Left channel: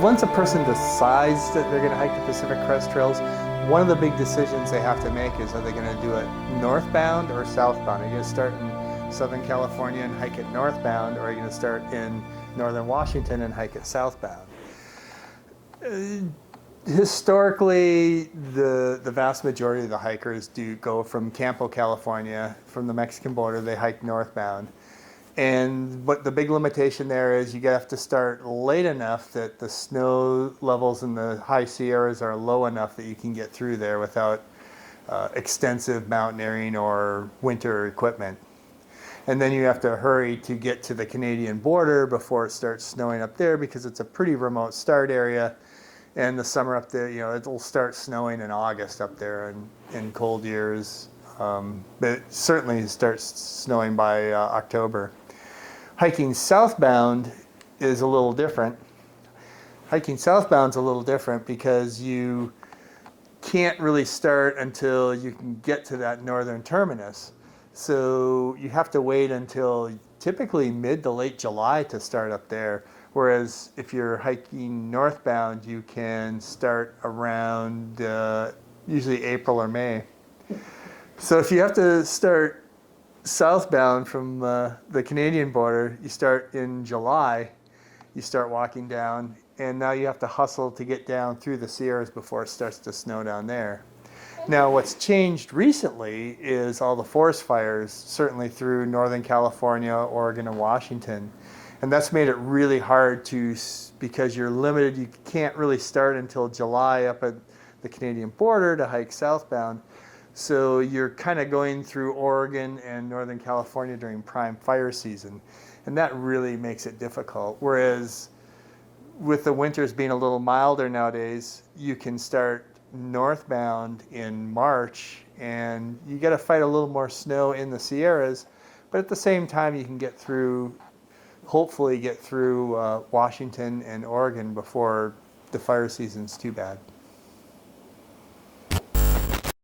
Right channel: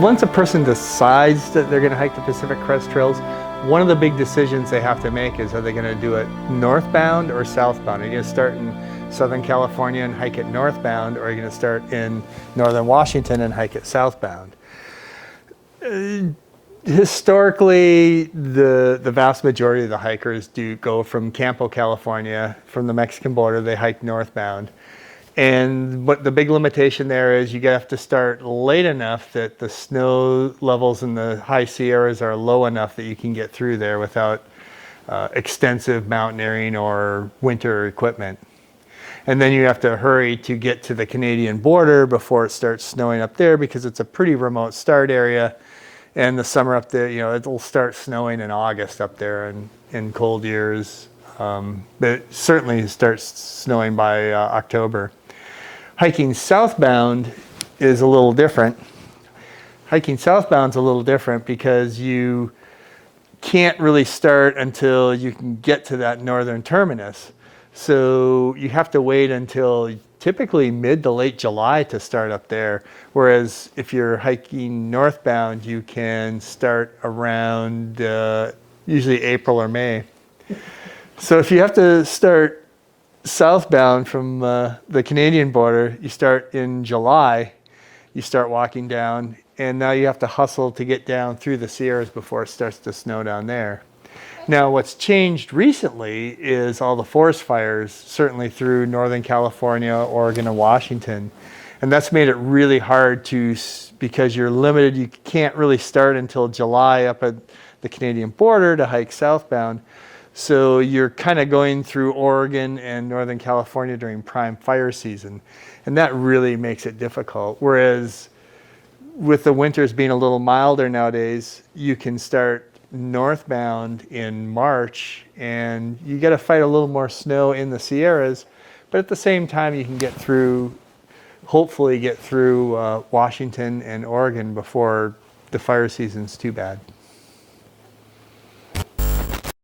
Once a person decides that they're going to hike the Pacific Crest Trails, one of the big decisions they have to make is, are they going to do it northbound or southbound? Are you going to start in Southern California and hike it northbound, or are you going to start in Northern Washington and hike it southbound? Historically, the vast majority of the hikers do go from Campo, California, from the Mexican border, they hike northbound. And what the big limitation there is, you have to start late enough that the snow levels in the high Sierras are low enough that you can get through there without extensive mountaineering or winter equipment. And then you have to hurry to get to the Canadian border before it starts snowing up there, because it's a pretty remote start area. And the summer up there, it'll start snowing in August up there in cold years. But it certainly starts snowing by October. Hiking southbound is a little different. Hiking southbound is a little different because you can't really start until you can get to that northern terminus. So you have to wait until typically mid to late July to start up there. Whereas if you're hiking northbound, you can start around usually April or May. So if you have to start southbound from the Canadian border, you start in July, you start walking down, and now you have to hustle to get down through the Sierras before it starts to snow down there. Now, what's changed recently is all the forest fires, certainly through Northern California, Oregon, and Washington. And that's made it really hard because you're limited, you can't really start until July up at the Canadian border to hike southbound. So you're kind of going through Oregon and Northern California during prime fire season. And that really makes it difficult. Whereas with the winters being a little milder nowadays, you can start northbound in March, and you got to fight a little more snow in the Sierras. But at the same time, you can hopefully get through Washington and Oregon before the fire season's too bad.